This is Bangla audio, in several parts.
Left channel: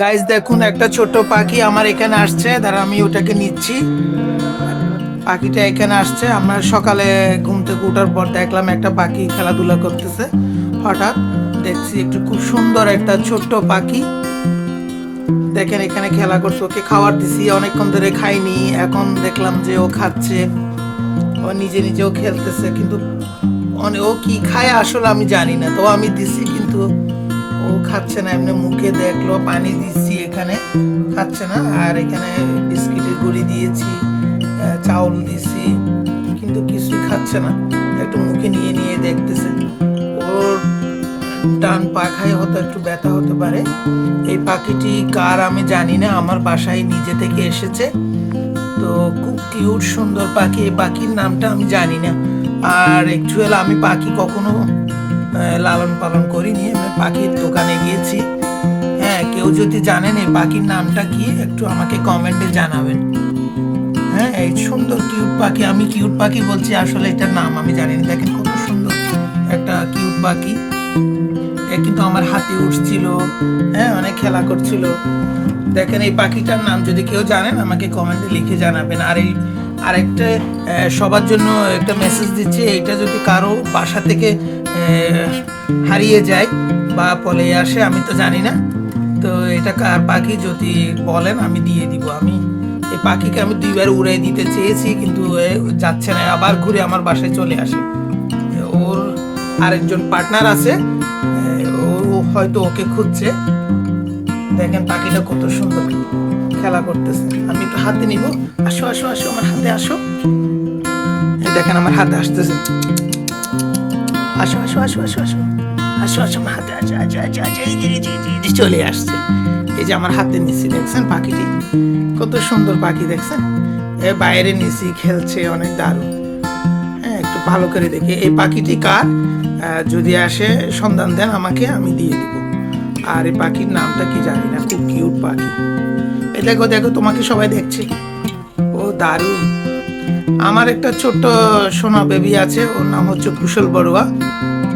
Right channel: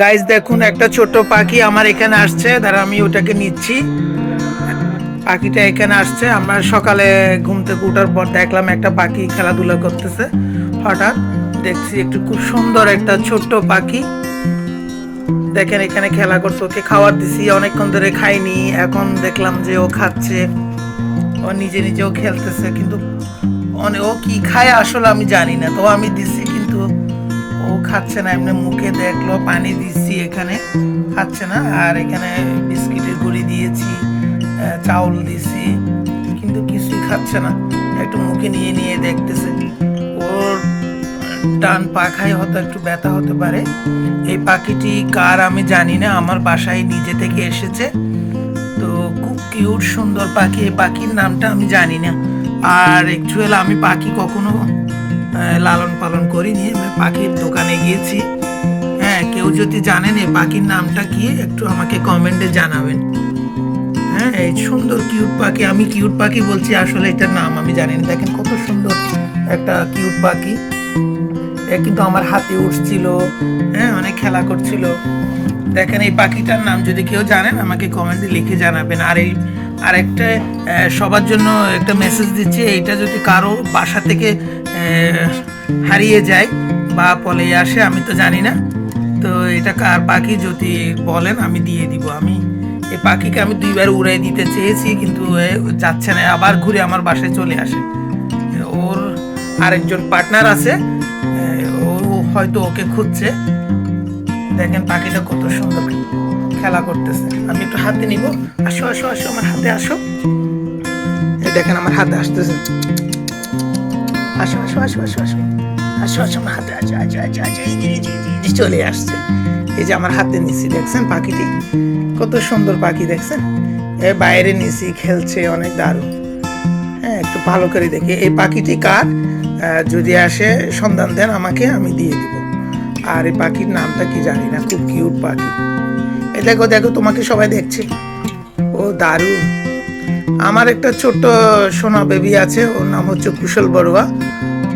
গাইস দেখুন, একটা ছোট পাখি আমার এখানে আসছে, দাঁড়া আমি ওটাকে নিচ্ছি। পাখিটা এখানে আসছে, আমরা সকালে ঘুম থেকে ওঠার পর দেখলাম একটা পাখি খেলাধুলা করতেছে। হঠাৎ দেখছি একটু খুব সুন্দর একটা ছোট্ট পাখি, দেখেন এখানে খেলা করতে। ওকে খাবার দিছি, অনেকক্ষণ ধরে খাইনি, এখন দেখলাম যে ও খাচ্ছে। ও নিজে নিজেও খেলতেছে, কিন্তু ও কি খায় আসলে আমি জানি না। তো আমি দিছি কিন্তু ও খাচ্ছে না, এমনি মুখে দেখলো, পানি দিচ্ছি এখানে, খাচ্ছে না। আর এখানে বিস্কিটের গুঁড়ি দিয়েছি, চাউল দিছি, কিন্তু কিছুই খাচ্ছে না। একটু মুখে নিয়ে নিয়ে দেখতেছে। ওর ডান পাখায় হয়তো একটু ব্যথা হতে পারে। এই পাখিটি কার আমি জানি না, আমার বাসায় নিজে থেকে এসেছে। তো খুব কিউট সুন্দর পাখি, এই পাখির নামটা আমি জানি না। আর অ্যাকচুয়ালি আমি পাখি কখনো লালন পালন করিনি, আমি পাখির দোকানে গিয়েছি। হ্যাঁ, কেউ যদি জানেন এই পাখির নামটা কি একটু আমাকে কমেন্টে জানাবেন। হ্যাঁ, এই সুন্দর কিউট পাখি, আমি কিউট পাখি বলছি, আসলে এটার নাম আমি জানি না। দেখেন কত সুন্দর একটা কিউট পাখি। কিন্তু আমার হাতে উঠছিল, হ্যাঁ অনেক খেলা করছিল। দেখেন এই পাখিটার নাম যদি কেউ জানেন আমাকে কমেন্টে লিখে জানাবেন। আর এই আরেকটা সবার জন্য একটা মেসেজ দিচ্ছি, এইটা যদি কারো বাসা থেকে হারিয়ে যায় বা পলে আসে, আমি তো জানি না। তো এটা কার পাখি যদি বলেন আমি দিয়ে দিব। আমি এই পাখিকে আমি 2বার উড়াই দিতে চেয়েছি, কিন্তু যাচ্ছে না, আবার ঘুরে আমার বাসায় চলে আসে। ওর আরেকজন পার্টনার আছে, ও হয়তো ওকে খুঁজছে। দেখেন পাখিটা কত সুন্দর খেলা করতেছে। আমি একটু হাতে নিব, আসো আসো আসো আমার হাতে আসো। এই দেখেন আমার হাতে আসতেছে, আসো আসো আসো আসো আসো আসো আসো আমার হাতে, আসো আসো আসো আসো, এই যে এই যে এই যে চলে আসছে। এই যে আমার হাতে নিছি, দেখছেন পাখিটি কত সুন্দর পাখি, দেখছেন এ বাইরে নিছি, খেলছে, অনেক দারুণ। হ্যাঁ, একটু ভালো করে দেখি এই পাখিটি কার, যদি আসে সন্ধান দেন আমাকে, আমি দিয়ে দিব। আর এই পাখির নামটা কি জানি না, খুব কিউট পাখি। এই দেখো দেখো, তোমাকে সবাই দেখছে, ও দারুণ। আমার একটা ছোট্ট সোনা বেবি আছে, ওর নাম হচ্ছে কুশল বড়ুয়া।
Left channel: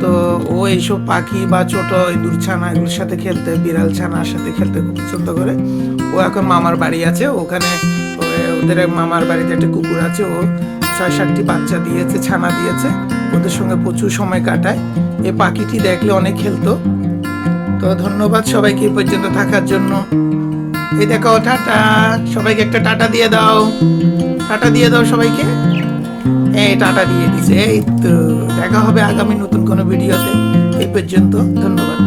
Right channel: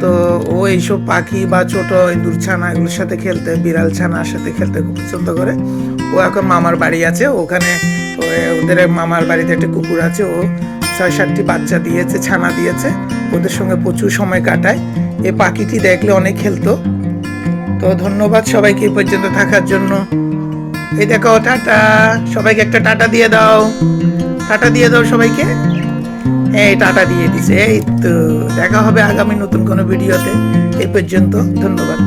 তো ও এইসব পাখি বা ছোট ইঁদুর ছানা এগুলোর সাথে খেলতে, বিড়াল ছানার সাথে খেলতে খুব পছন্দ করে। ও এখন মামার বাড়ি আছে, ওখানে ওদের মামার বাড়িতে একটা কুকুর আছে, ও 6-7টি বাচ্চা দিয়েছে, ছানা দিয়েছে, ওদের সঙ্গে প্রচুর সময় কাটায়। এই পাখিটি দেখলে অনেক খেলতো। তো ধন্যবাদ সবাইকে এই পর্যন্ত থাকার জন্য। এই দেখো টাটা, সবাইকে একটা টাটা দিয়ে দাও, টাটা দিয়ে দাও সবাইকে। হ্যাঁ টাটা দিয়ে দিছে। এই তো দেখা হবে আগামী নতুন কোনো ভিডিওতে। এই পর্যন্ত ধন্যবাদ।